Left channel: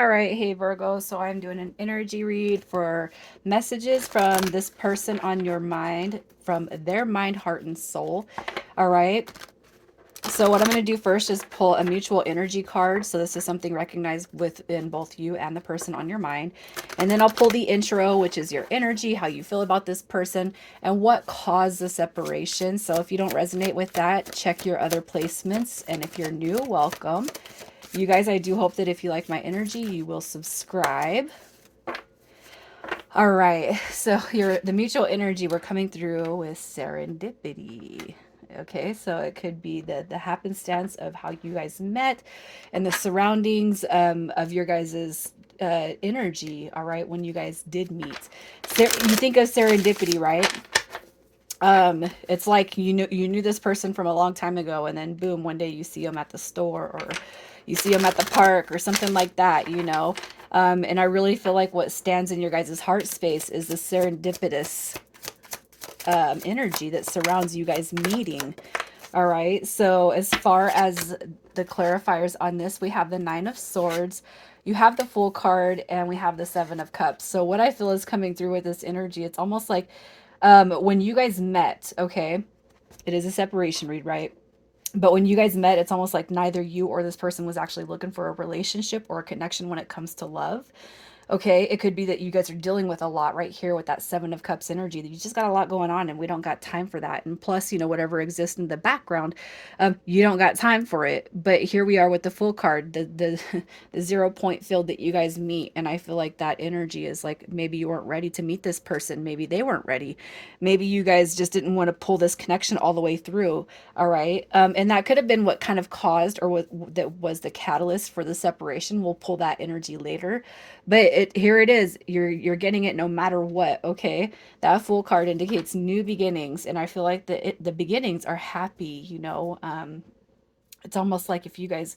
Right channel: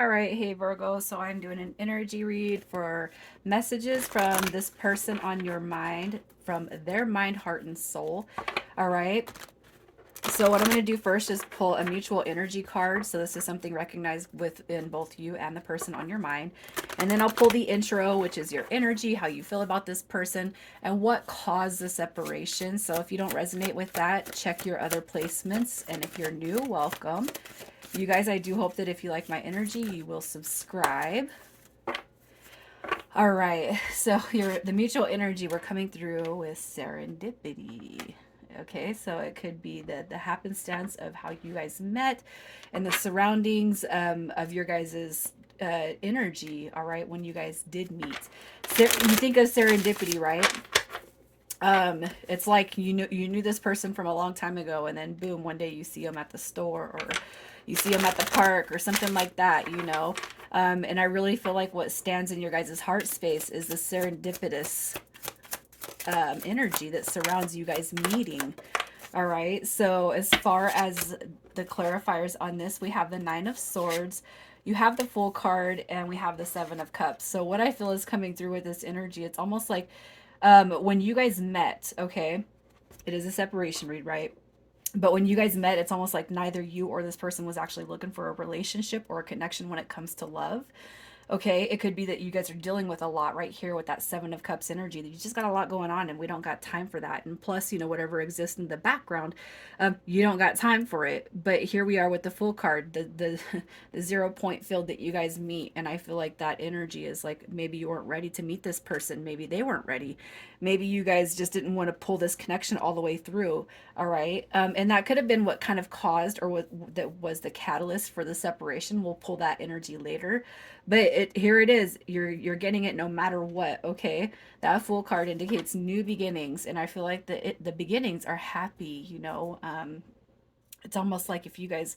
All right, hey Virgo. So I'm doing an energy read for messages from this person on your mind, from their mind, heart, and soul. All right. So what I'm going to do first is pull a mutual energy card. So this is something recognized within both you and the person on your mind. And then I'll pull the intro, which is your energy, how you feel about this person, and what caused the separation. So if you don't resonate with that, check your other placements. And if you're new, welcome. You guys, I do hope that if you like my energy, you will subscribe. All right, so the mutual energy we're coming through with serendipity. Okay, so it could be the happenstance of how you guys met and the surroundings of your guys's energy. All right, when you guys did meet, you think of serendipity, right? It's like you knew this person from a long time ago, and then boom, one day you see them at the store, or you see them at the park, or something like that. And I really feel like what stands in your guys' heart space is the serendipitous energy that surrounds you guys meeting. All right, so as far as the clarifiers on this, we have the Nine of Swords, you have the Fool card, and we have the Seven of Cups. So what I feel is coming through with this energy, it's almost like when you guys met, okay, it is a separation read, right? But when you guys met, it's almost like neither you or this person was actually looking for a relationship or a connection when it comes to love. Okay, it could be that you guys are dealing with a lot right here with that Seven of Cups energy, that you just got a lot going on and we don't got time for that. And plus, whatever exists in the background, you don't got time for it. But here we are with the Full card, the the 0 point field that you guys meet. And I feel like that energy is like maybe you weren't ready to meet this person. Maybe they weren't ready. Maybe you guys just didn't want to pull this connection all the way through. All right. And that could have been what kind of caused or what that was the catalyst for the separation. We'll pull that energy later, but here it is. You're getting it no matter what. Okay, that Fool card indicates new beginnings, and I feel like the beginnings are happy. It's almost like if you guys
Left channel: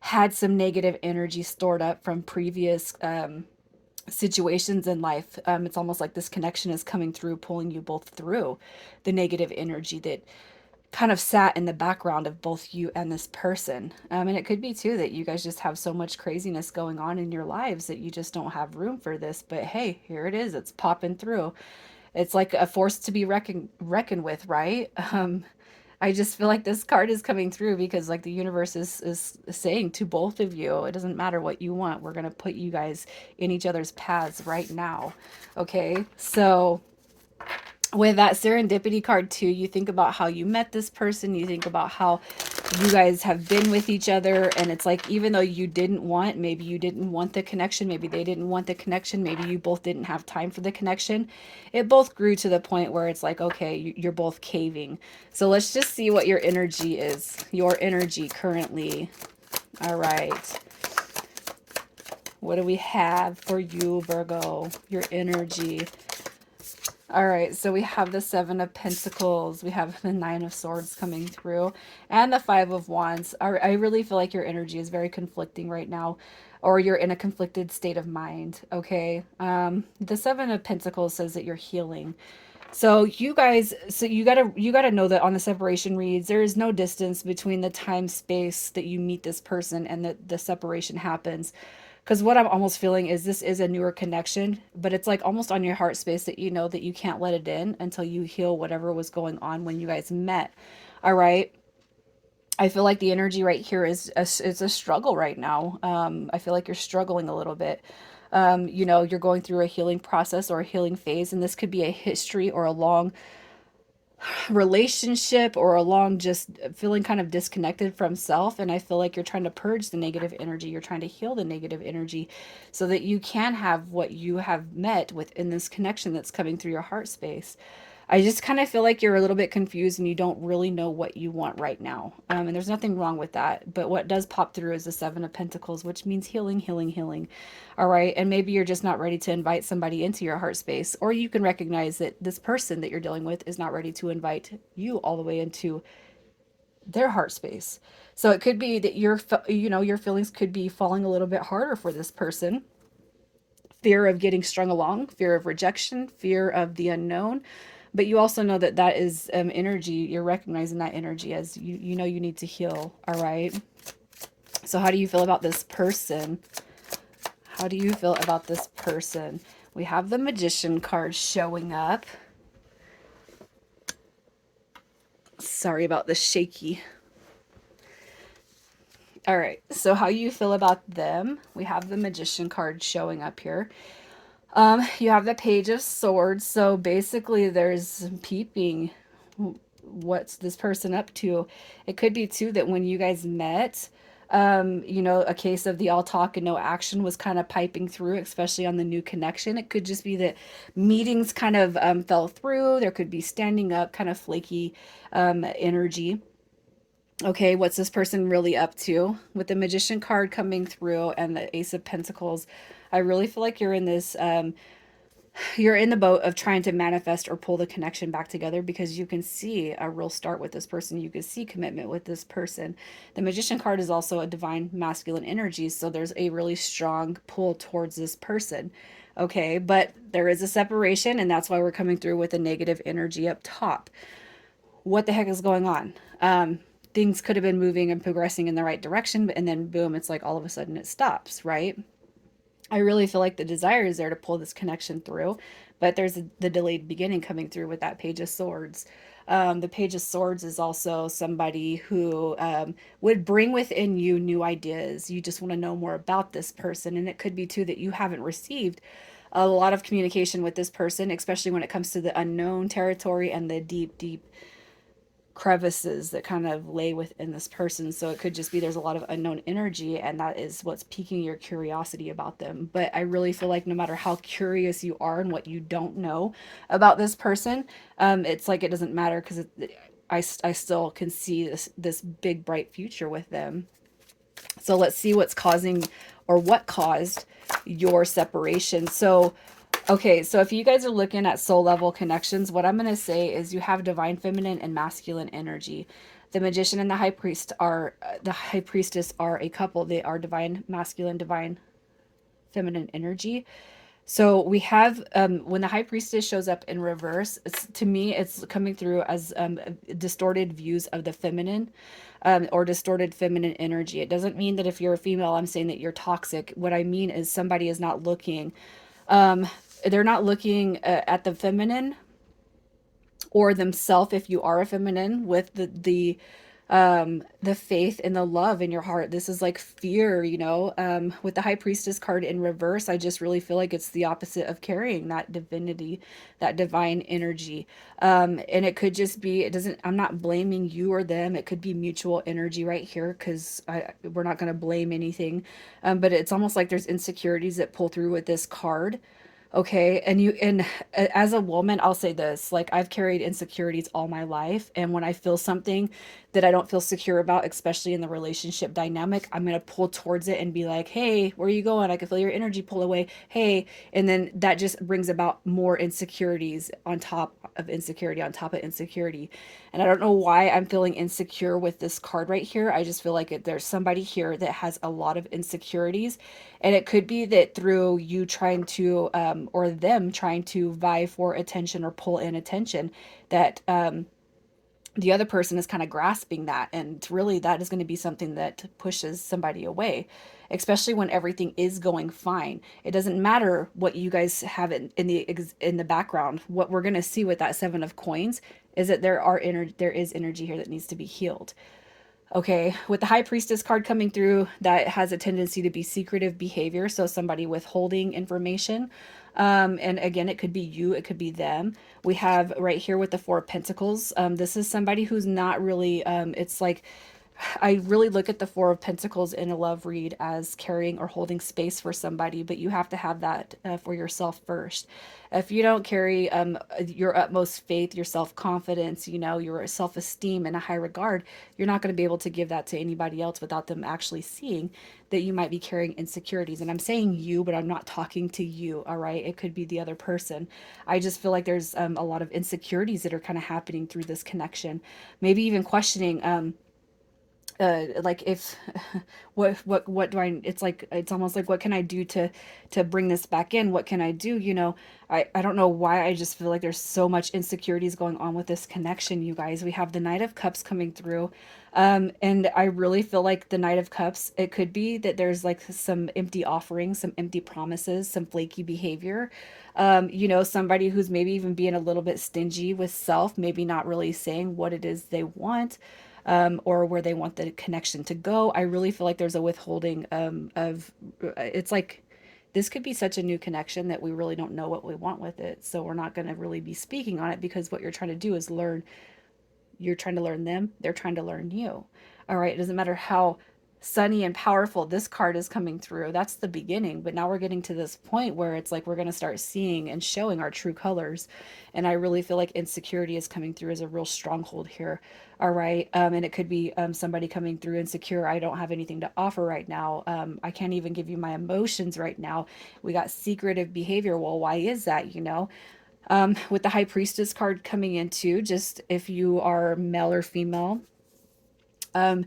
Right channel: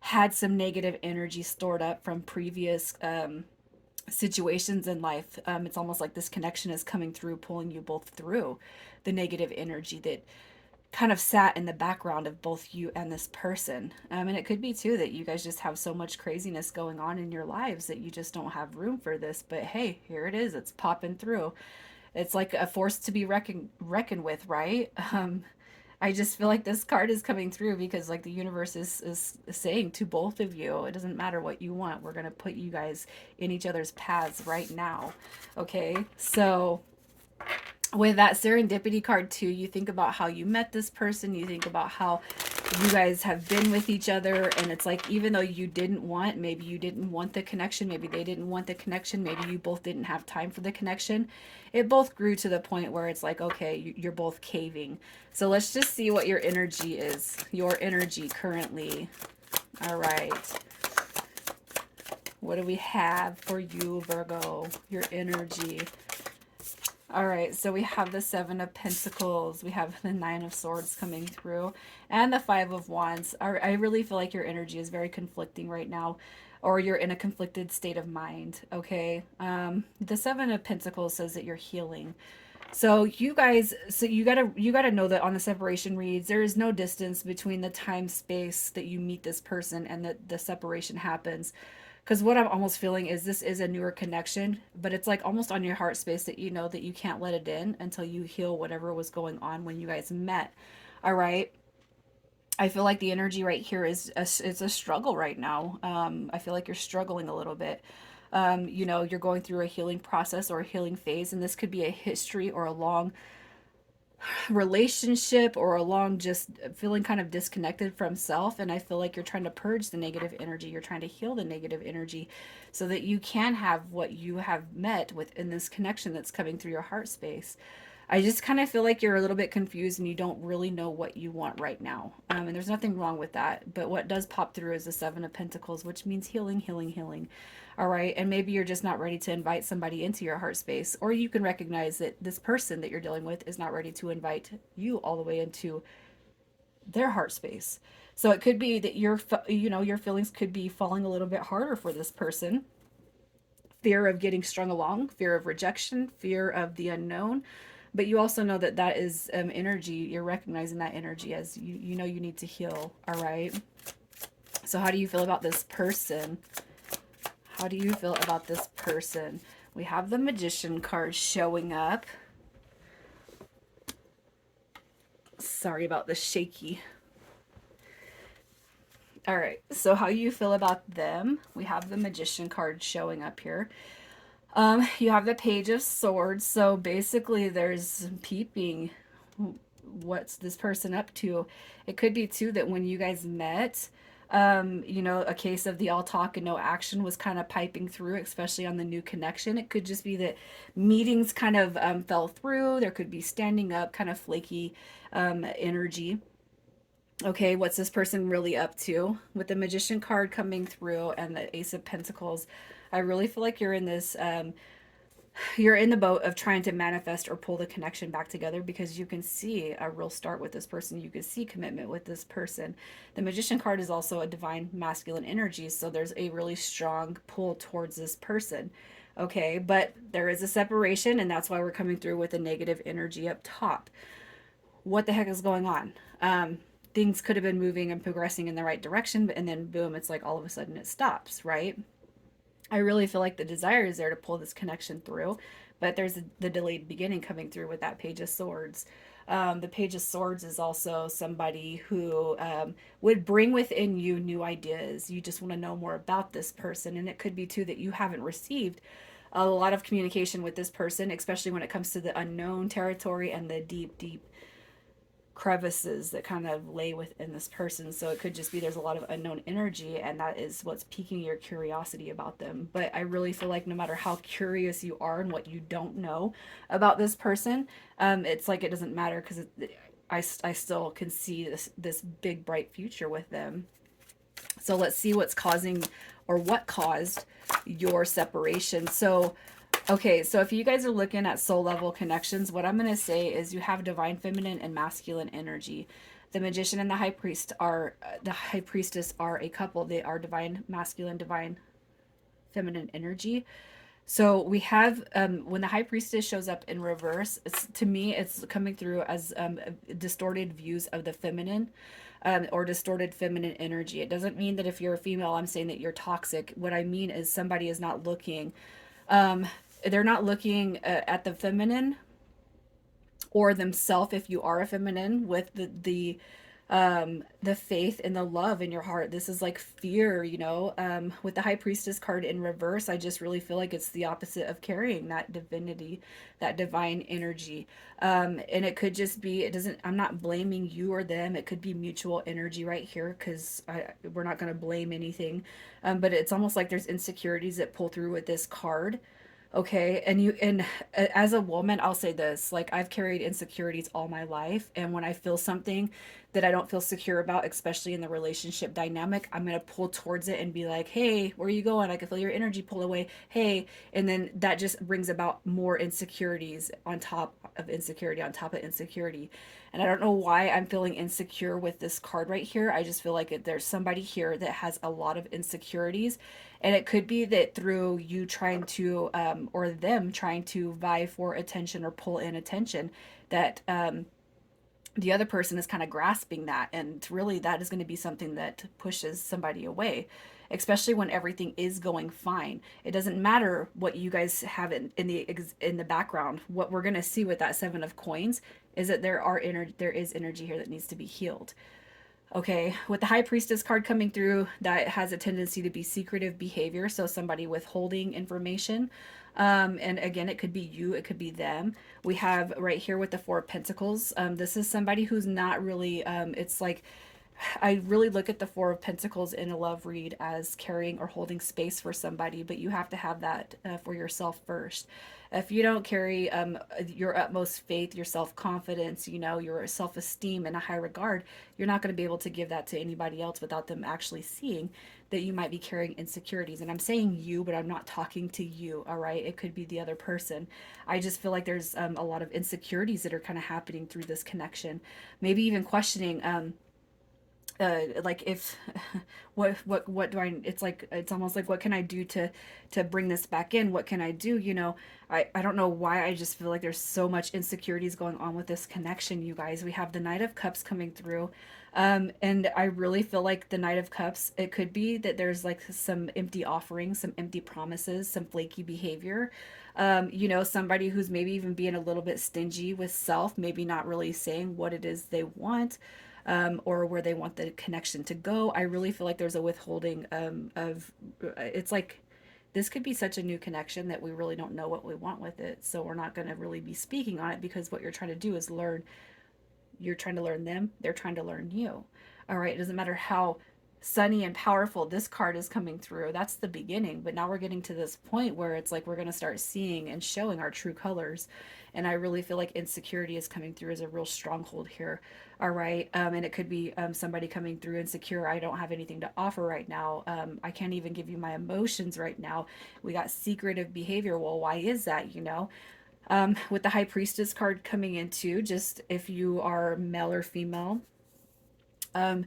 had some negative energy stored up from previous situations in life, it's almost like this connection is coming through, pulling you both through the negative energy that kind of sat in the background of both you and this person. And it could be too that you guys just have so much craziness going on in your lives that you just don't have room for this. But hey, here it is. It's popping through. It's like a force to be reckoned with, right? I just feel like this card is coming through because like the universe is saying to both of you, it doesn't matter what you want. We're going to put you guys in each other's paths right now. Okay. So with that serendipity card too, you think about how you met this person, you think about how you guys have been with each other, and it's like even though maybe you didn't want the connection, maybe they didn't want the connection, maybe you both didn't have time for the connection, it both grew to the point where it's like, okay, you're both caving. So let's just see what your energy is, your energy currently. All right, what do we have for you, Virgo? Your energy. All right, so we have the Seven of Pentacles, we have the Nine of Swords coming through, and the Five of Wands. I really feel like your energy is very conflicting right now, or you're in a conflicted state of mind, okay? The Seven of Pentacles says that you're healing. So you gotta know that on the separation reads, there is no distance between the time space that you meet this person and the separation happens. Because what I'm almost feeling is this is a newer connection, but it's like almost on your heart space that you know that you can't let it in until you heal whatever was going on when you guys met. All right. I feel like the energy right here is a struggle right now. I feel like you're struggling a little bit. You're going through a healing process or a healing phase, and this could be a history or a long relationship or along just feeling kind of disconnected from self. And I feel like you're trying to purge the negative energy, you're trying to heal the negative energy so that you can have what you have met within this connection that's coming through your heart space. I just kind of feel like you're a little bit confused and you don't really know what you want right now. And there's nothing wrong with that. But what does pop through is the Seven of Pentacles, which means healing, healing, healing. All right. And maybe you're just not ready to invite somebody into your heart space. Or you can recognize that this person that you're dealing with is not ready to invite you all the way into their heart space. So it could be that your feelings could be falling a little bit harder for this person. Fear of getting strung along, fear of rejection, fear of the unknown. But you also know that that is energy. You're recognizing that energy as you know you need to heal. All right. So how do you feel about this person? How do you feel about this person? We have the Magician card showing up. Sorry about the shaky. All right, so how you feel about them? We have the Magician card showing up here. You have the Page of Swords, so basically there's peeping. What's this person up to? It could be too that when you guys met, you know, a case of the all talk and no action was kind of piping through, especially on the new connection. It could just be that meetings kind of fell through. There could be standing up, kind of flaky energy. Okay, what's this person really up to? With the Magician card coming through and the Ace of Pentacles, I really feel like you're in the boat of trying to manifest or pull the connection back together, because you can see a real start with this person. You can see commitment with this person. The Magician card is also a divine masculine energy, so there's a really strong pull towards this person. Okay, but there is a separation, and that's why we're coming through with a negative energy up top. What the heck is going on? Things could have been moving and progressing in the right direction, and then boom, it's like all of a sudden it stops, right? I really feel like the desire is there to pull this connection through, but there's the delayed beginning coming through with that Page of Swords. The Page of Swords is also somebody who would bring within you new ideas. You just want to know more about this person, and it could be too that you haven't received a lot of communication with this person, especially when it comes to the unknown territory and the deep, deep crevices that kind of lay within this person. So it could just be there's a lot of unknown energy, and that is what's piquing your curiosity about them. But I really feel like no matter how curious you are and what you don't know about this person, it's like it doesn't matter, because I still can see this big bright future with them. So let's see what's causing, or what caused your separation. So okay, so if you guys are looking at soul level connections, what I'm going to say is you have divine feminine and masculine energy. The magician and the high priest are the high priestess are a couple. They are divine masculine, divine feminine energy. So we have when the high priestess shows up in reverse, to me it's coming through as distorted views of the feminine, or distorted feminine energy. It doesn't mean that if you're a female, I'm saying that you're toxic. What I mean is somebody is not looking um, they're not looking at the feminine or themselves, if you are a feminine, with the faith and the love in your heart. This is like fear, you know. With the high priestess card in reverse, I just really feel like it's the opposite of carrying that divinity, that divine energy. And it could just be, it doesn't, I'm not blaming you or them. It could be mutual energy right here, because we're not going to blame anything. But it's almost like there's insecurities that pull through with this card. Okay, and as a woman, I'll say this, like I've carried insecurities all my life, and when I feel something that I don't feel secure about, especially in the relationship dynamic, I'm going to pull towards it and be like, "Hey, where are you going? I can feel your energy pull away." Hey, and then that just brings about more insecurities on top of insecurity on top of insecurity. And I don't know why I'm feeling insecure with this card right here. I just feel like there's somebody here that has a lot of insecurities, and it could be that through you trying to, or them trying to vie for attention or pull in attention, that the other person is kind of grasping that. And really, that is going to be something that pushes somebody away, especially when everything is going fine. It doesn't matter what you guys have in the background. What we're going to see with that Seven of Coins is that there is energy here that needs to be healed. Okay, with the high priestess card coming through, that has a tendency to be secretive behavior. So somebody withholding information. And again, it could be you, it could be them. We have right here with the Four of Pentacles. This is somebody who's not really, it's like, I really look at the Four of Pentacles in a love read as carrying or holding space for somebody, but you have to have that for yourself first. If you don't carry your utmost faith, your self-confidence, you know, your self-esteem and a high regard, you're not going to be able to give that to anybody else without them actually seeing that you might be carrying insecurities. And I'm saying you, but I'm not talking to you, all right? It could be the other person. I just feel like there's a lot of insecurities that are kind of happening through this connection. Maybe even questioning like if what do I, it's like it's almost like what can I do to bring this back in, what can I do, you know. I don't know why, I just feel like there's so much insecurities going on with this connection, you guys. We have the Knight of Cups coming through. And I really feel like the Knight of Cups, it could be that there's like some empty offerings, some empty promises, some flaky behavior. Somebody who's maybe even being a little bit stingy with self, maybe not really saying what it is they want, or where they want the connection to go. I really feel like there's a withholding of, it's like, this could be such a new connection that we really don't know what we want with it. So we're not going to really be speaking on it, because what you're trying to do is learn. You're trying to learn them, they're trying to learn you. All right, it doesn't matter how sunny and powerful this card is coming through. That's the beginning, but now we're getting to this point where it's like we're going to start seeing and showing our true colors. And I really feel like insecurity is coming through as a real stronghold here. All right, and it could be somebody coming through insecure. I don't have anything to offer right now. I can't even give you my emotions right now. We got secretive behavior. Well, why is that? With the High Priestess card coming in too, just if you are male or female, um,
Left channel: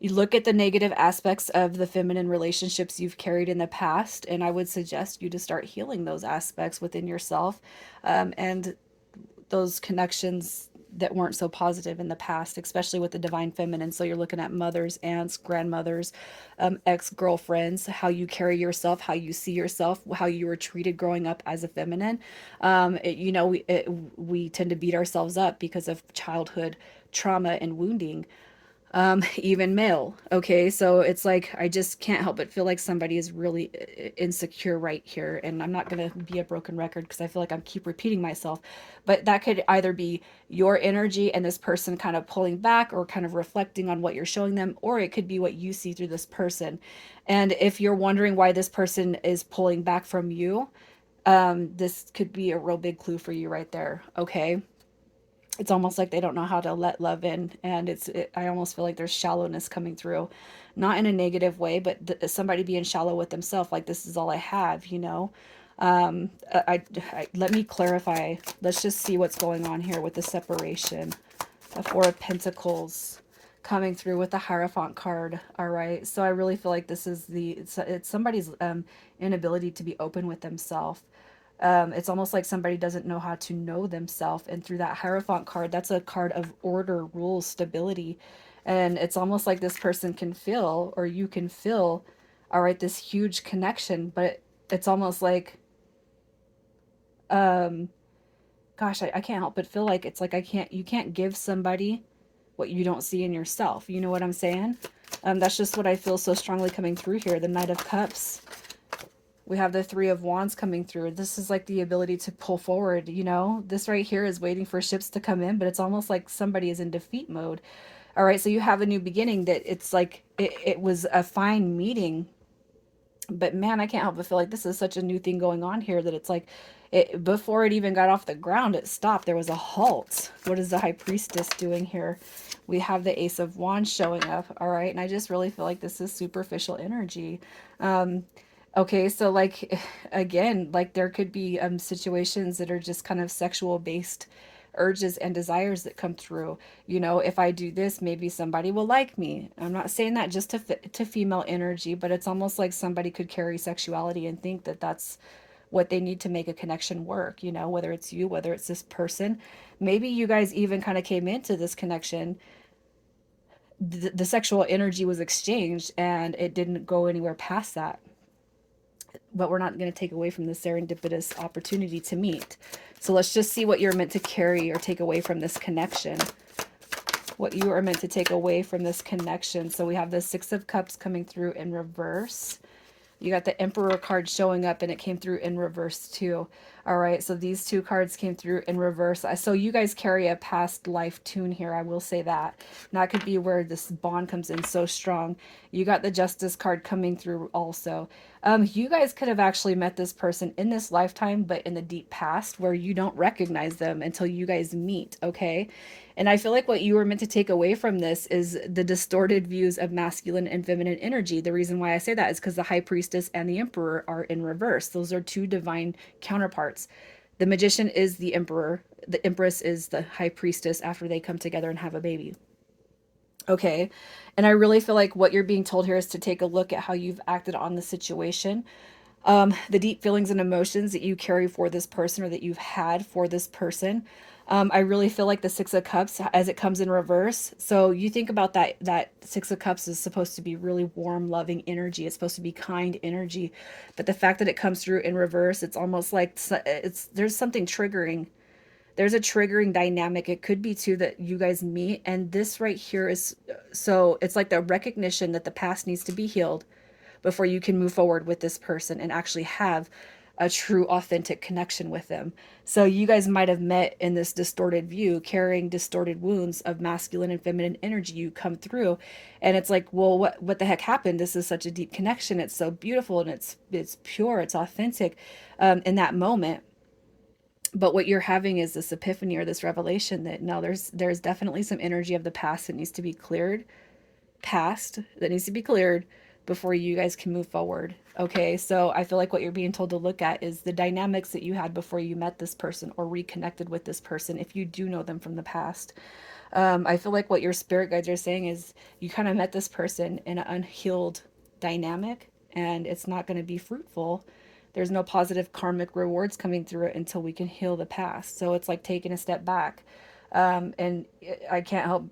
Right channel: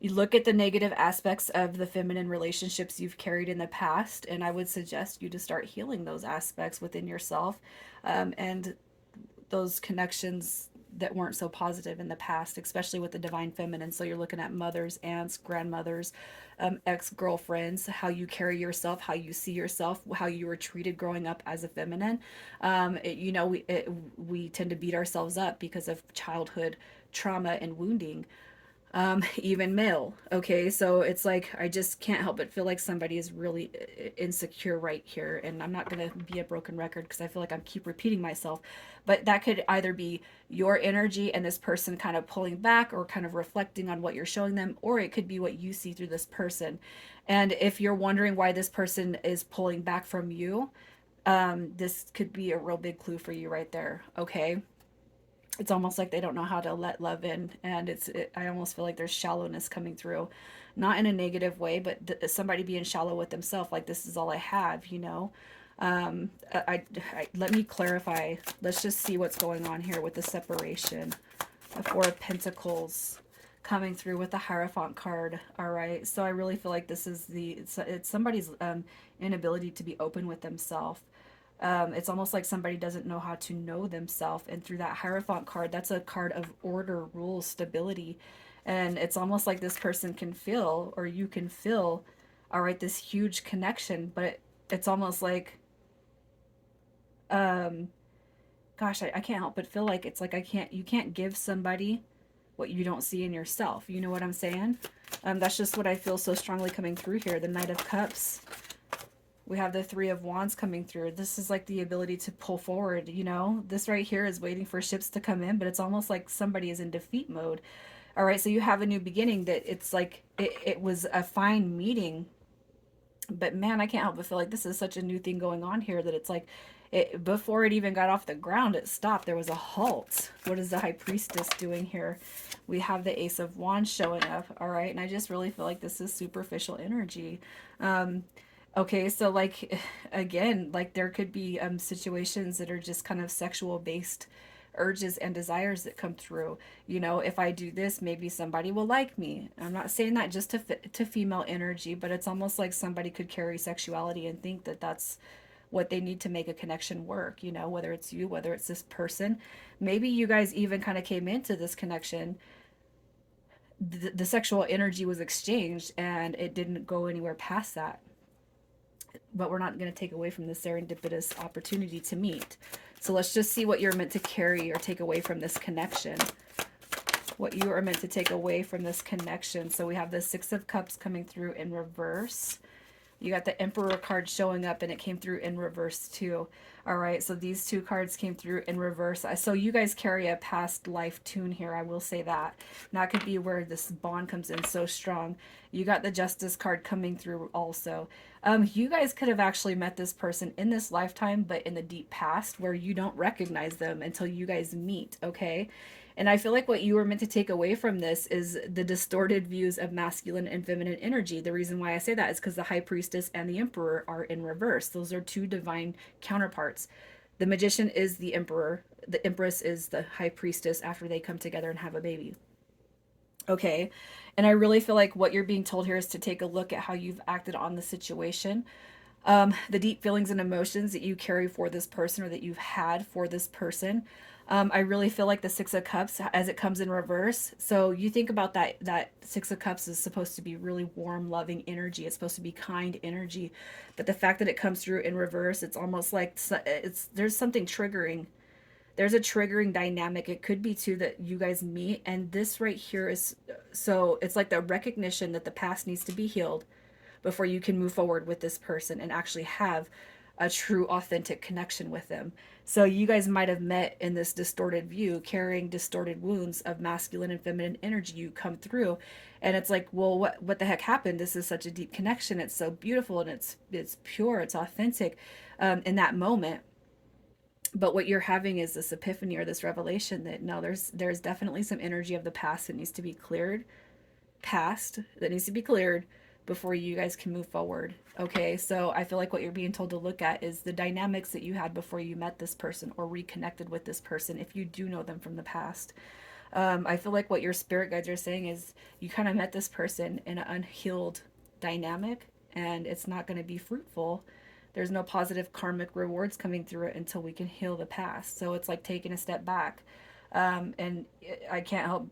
you look at the negative aspects of the feminine relationships you've carried in the past, and I would suggest you to start healing those aspects within yourself, and those connections that weren't so positive in the past, especially with the divine feminine. So you're looking at mothers, aunts, grandmothers, ex-girlfriends, how you carry yourself, how you see yourself, how you were treated growing up as a feminine. We tend to beat ourselves up because of childhood trauma and wounding, even male. Okay, so it's like I just can't help but feel like somebody is really insecure right here, and I'm not gonna be a broken record because I feel like I keep repeating myself, but that could either be your energy and this person kind of pulling back or kind of reflecting on what you're showing them, or it could be what you see through this person. And if you're wondering why this person is pulling back from you, this could be a real big clue for you right there. Okay, it's almost like they don't know how to let love in, and I almost feel like there's shallowness coming through, not in a negative way, but somebody being shallow with themselves, like this is all I have. Let me clarify. Let's just see what's going on here with the separation. The Four of Pentacles coming through with the Hierophant card. All right, so I really feel like this is it's somebody's inability to be open with themselves. It's almost like somebody doesn't know how to know themselves. And through that Hierophant card, that's a card of order, rules, stability. And it's almost like this person can feel, or you can feel, all right, this huge connection. But it's almost like, um, gosh, I can't help but feel like it's like you can't give somebody what you don't see in yourself. You know what I'm saying? That's just what I feel so strongly coming through here. The Knight of Cups, we have the Three of Wands coming through. This is like the ability to pull forward. This right here is waiting for ships to come in, but it's almost like somebody is in defeat mode. All right, so you have a new beginning that it's like it was a fine meeting, but man, I can't help but feel like this is such a new thing going on here that it's like before it even got off the ground, it stopped. There was a halt. What is the High Priestess doing here? We have the Ace of Wands showing up. All right, and I just really feel like this is superficial energy. Um, okay, so like again, like there could be situations that are just kind of sexual based urges and desires that come through. If I do this, maybe somebody will like me. I'm not saying that just to female energy, but it's almost like somebody could carry sexuality and think that that's what they need to make a connection work, whether it's you, whether it's this person. Maybe you guys even kind of came into this connection, the sexual energy was exchanged and it didn't go anywhere past that. But we're not going to take away from the serendipitous opportunity to meet. So let's just see what you're meant to carry or take away from this connection. What you are meant to take away from this connection. So we have the Six of Cups coming through in reverse. You got the Emperor card showing up and it came through in reverse too. All right, so these two cards came through in reverse. So you guys carry a past life tune here, I will say that. And that could be where this bond comes in so strong. You got the Justice card coming through also. You guys could have actually met this person in this lifetime, but in the deep past where you don't recognize them until you guys meet, okay? And I feel like what you were meant to take away from this is the distorted views of masculine and feminine energy. The reason why I say that is because the High Priestess and the Emperor are in reverse. Those are two divine counterparts. The Magician is the Emperor. The Empress is the High Priestess after they come together and have a baby. Okay. And I really feel like what you're being told here is to take a look at how you've acted on the situation, the deep feelings and emotions that you carry for this person or that you've had for this person. I really feel like the Six of Cups as it comes in reverse. So you think about that Six of Cups is supposed to be really warm, loving energy. It's supposed to be kind energy, but the fact that it comes through in reverse, it's almost like it's there's something triggering. There's a triggering dynamic. It could be too that you guys meet, and this right here is so it's like the recognition that the past needs to be healed before you can move forward with this person and actually have a true authentic connection with them. So you guys might have met in this distorted view, carrying distorted wounds of masculine and feminine energy. You come through and it's like, well, what the heck happened? This is such a deep connection. It's so beautiful and it's pure, it's authentic in that moment. But what you're having is this epiphany or this revelation that no, there's definitely some energy of the past that needs to be cleared, past that needs to be cleared before you guys can move forward. Okay, so I feel like what you're being told to look at is the dynamics that you had before you met this person or reconnected with this person, if you do know them from the past. I feel like what your spirit guides are saying is you kind of met this person in an unhealed dynamic and it's not going to be fruitful. There's no positive karmic rewards coming through it until we can heal the past. So it's like taking a step back. And I can't help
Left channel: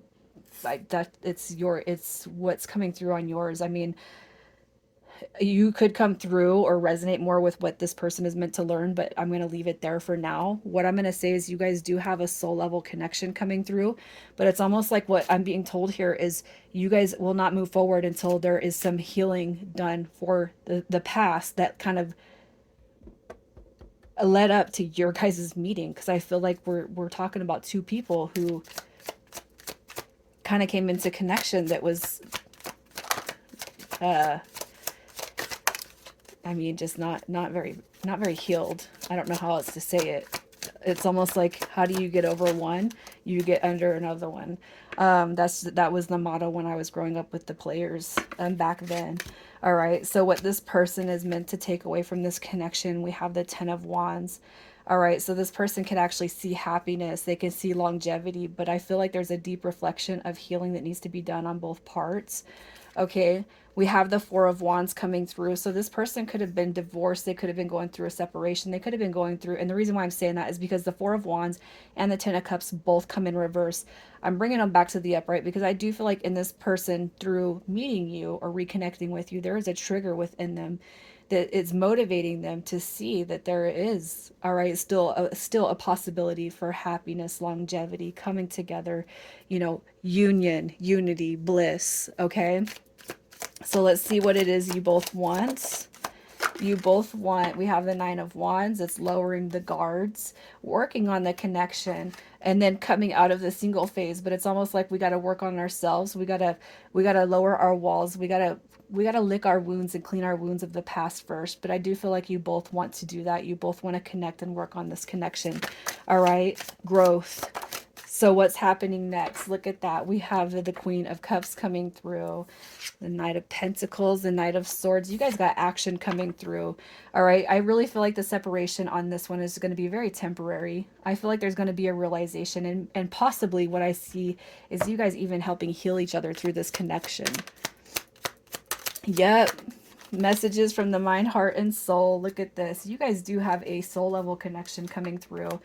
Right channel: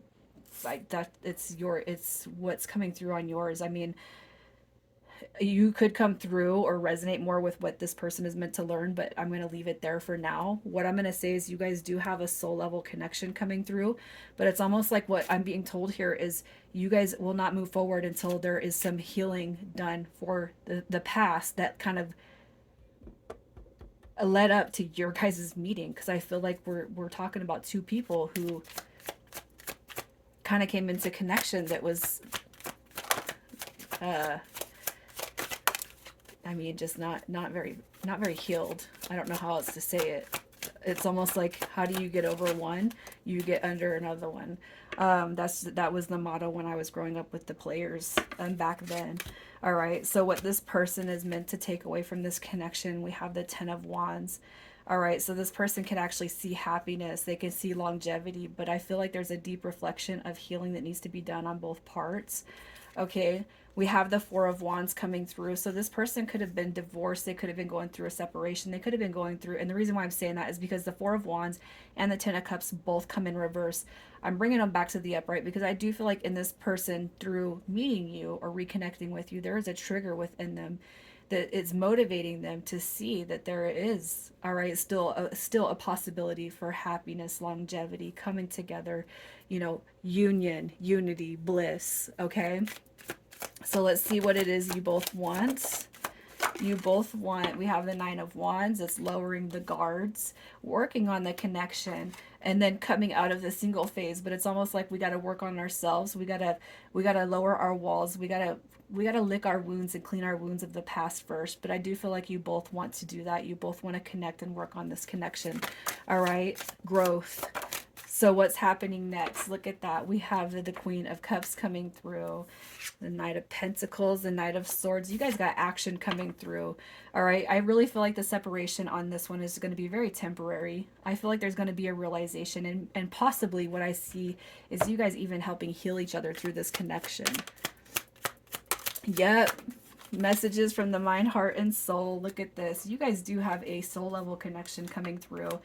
like that. It's what's coming through on yours. I mean, you could come through or resonate more with what this person is meant to learn, but I'm going to leave it there for now. What I'm going to say is you guys do have a soul level connection coming through, but it's almost like what I'm being told here is you guys will not move forward until there is some healing done for the past that kind of led up to your guys' meeting. Because I feel like we're talking about two people who kind of came into connection that was uh I mean, just not very healed. I don't know how else to say it. It's almost like how do you get over one? You get under another one. That was the motto when I was growing up with the players back then. All right. So what this person is meant to take away from this connection, we have the Ten of Wands. All right. So this person can actually see happiness. They can see longevity, but I feel like there's a deep reflection of healing that needs to be done on both parts. Okay, we have the Four of Wands coming through. So this person could have been divorced. They could have been going through a separation. They could have been going through, and the reason why I'm saying that is because the Four of Wands and the Ten of Cups both come in reverse. I'm bringing them back to the upright because I do feel like in this person, through meeting you or reconnecting with you, there is a trigger within them that it's motivating them to see that there is, all right, still a possibility for happiness, longevity, coming together, union, unity, bliss. Okay, so let's see what it is you both want. You both want, we have the Nine of Wands. It's lowering the guards, working on the connection, and then coming out of the single phase. But it's almost like we got to work on ourselves. We got to lower our walls. We got to lick our wounds and clean our wounds of the past first. But I do feel like you both want to do that. You both want to connect and work on this connection. All right, growth. So what's happening next? Look at that. We have the Queen of Cups coming through, the Knight of Pentacles, the Knight of Swords. You guys got action coming through. All right. I really feel like the separation on this one is going to be very temporary. I feel like there's going to be a realization, and possibly what I see is you guys even helping heal each other through this connection. Yep. Messages from the mind, heart, and soul. Look at this. You guys do have a soul level connection coming through.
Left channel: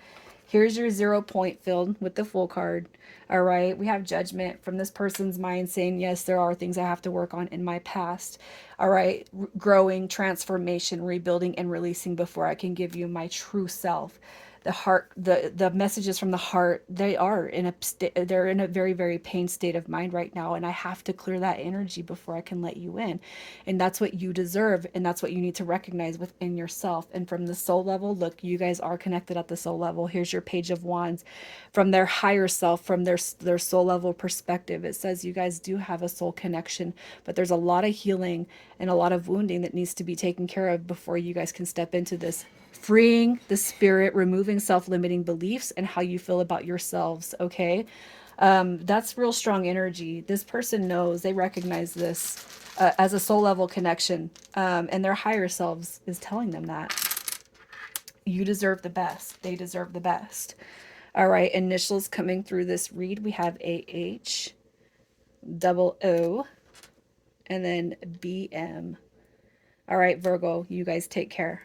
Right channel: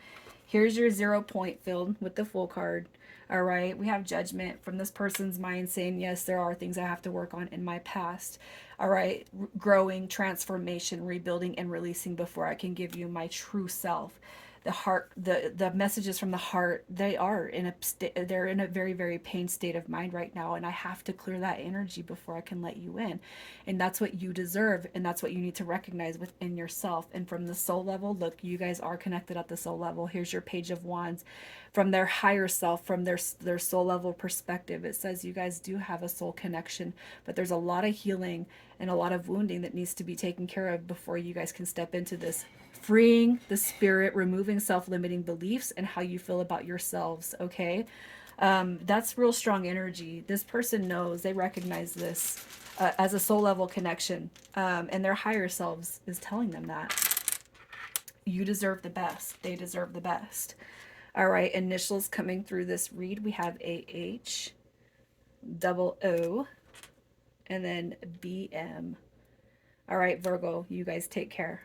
Here's your 0 point filled with the Fool card. All right. We have judgment from this person's mind saying, yes, there are things I have to work on in my past. All right. Growing, transformation, rebuilding, and releasing before I can give you my true self. The heart, the messages from the heart, they're in a very, very pain state of mind right now, and I have to clear that energy before I can let you in. And that's what you deserve, and that's what you need to recognize within yourself. And from the soul level, look, you guys are connected at the soul level. Here's your Page of Wands. From their higher self, from their soul level perspective, it says you guys do have a soul connection, but there's a lot of healing and a lot of wounding that needs to be taken care of before you guys can step into this. Freeing the spirit, removing self-limiting beliefs and how you feel about yourselves. Okay, that's real strong energy. This person knows, they recognize this as a soul level connection, and their higher selves is telling them that you deserve the best. They deserve the best. All right, initials coming through this read, we have AH, double O, and then BM. All right, Virgo, you guys take care.